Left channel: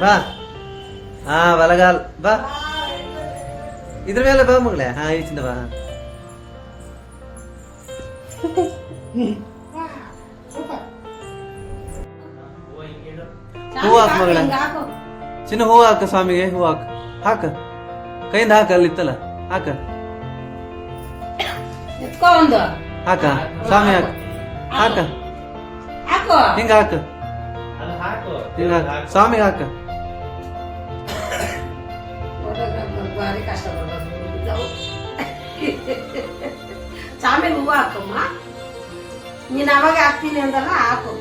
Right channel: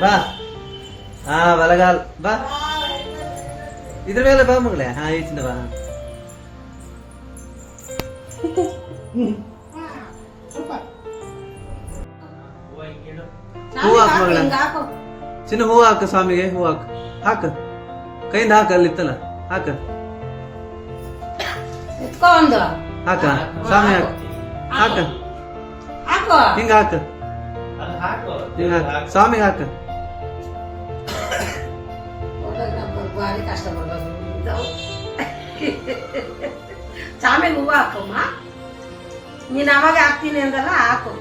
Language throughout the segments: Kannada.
ಬಾ ಹಾ ಬಲಗಾಲ್ ಬಾ ಇದ್ರ ಮೇಲೆ ಬಾ ಮಗಳೇ ಹಾ ಈಚಿಂದ ಬಾ ಹೂ ಹಾಕ್ ಮಗಳ ಚಿನ್ನ ಹೂ ಹಾಕ ಸ್ವಾಮಿಗೆ ಹೂ ಹಾಕ ಹಾಕ ಕೈಯಿಂದ ಹಾಕ ಅಲ್ಲಿತ್ತಲ್ಲ ಹಾಕ ಹಾಕ ಸ್ವಾಮಿ ಹಾಕ ಹಾಕ ಹಿಂಗ ಹಾಕ ಹಿಂಗ ಹಾಕ ಸ್ವಾಮಿ ಹಾಕ ಭಾರಿ ಕಷ್ಟ ಪಡ್ಬೇಕು ಸ್ವಾಮಿಗೆ ಹೂವು ಹಾಕಮ್ಮ ನೀನ್ ಅವಾಗ ಹಾಕ್ತೀನಿ ಅಂದಲ್ಲ ಹಾಕು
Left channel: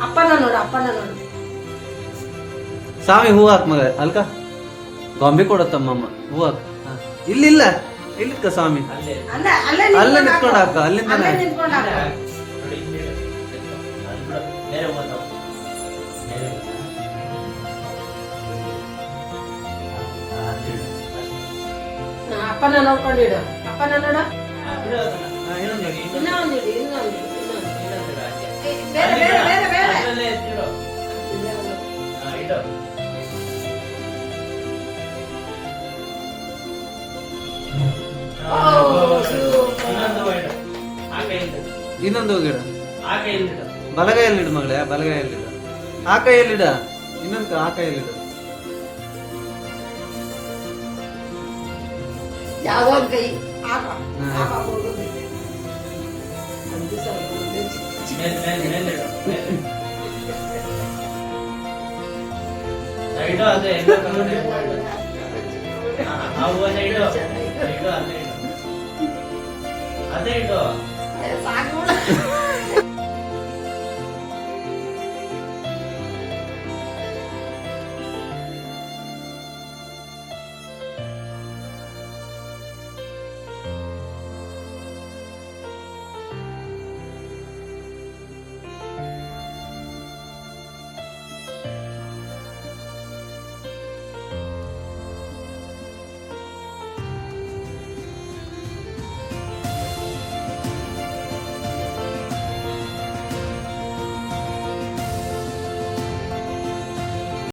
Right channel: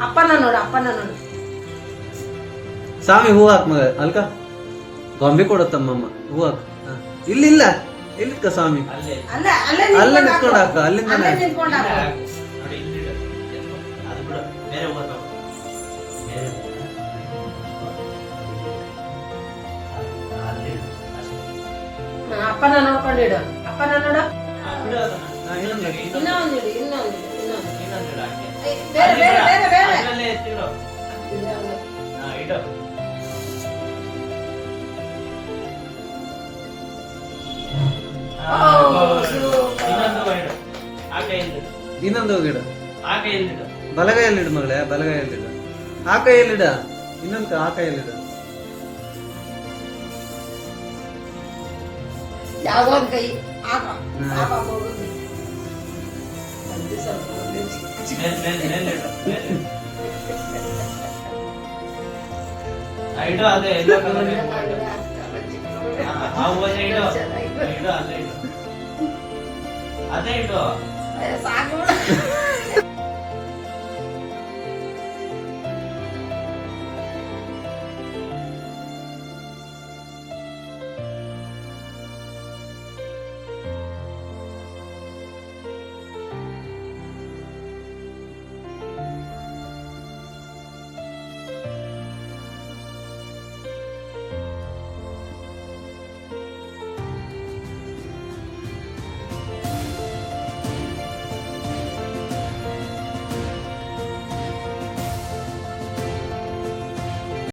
ಅಪ್ಪನ ನೋಡು ಸ್ವಾಮಿ ಹೂ ಹಾಕ್ ಮಗ ಅಲ್ಕ ಗೊಂಬೆ ಕೊಡತ್ತಮ್ಮಮ್ಮ ಹೂ ಹಾಕ ಇಲ್ಲಿಲ್ಲ ಇಲ್ಲಿತ್ತ ಸ್ವಾಮಿ ಅಲ್ಲ ನಿಂತ್ಕೊಂಡು ಹಾಕ ಅಲ್ಲಿಂದ ಅಪ್ಪನ ನೋಡ್ಕೊಂಡಿಡು ಅಪ್ಪನ ನೋಡು ಇನ್ನೊಂದಿಡು ಬೇರೆ ಬೇರೆ ಬೇರೆ ಬೇರೆ ಇನ್ನೊಂದು ಹೋಗಿಡ ಬಲಗೈಯಲ್ಲಿಡು ಮಗಳೇ ಬಲಗೈಯಲ್ಲಿಡು ಆ ಕೈಯಲ್ಲಿಡ ಇನ್ನೊಂದು ಆ ಕೈಯಲ್ಲಿಡು ಯಾವ್ದೋ ಒಂದು ಕೈ ಅದೇ ಇಡು ಸಾಕು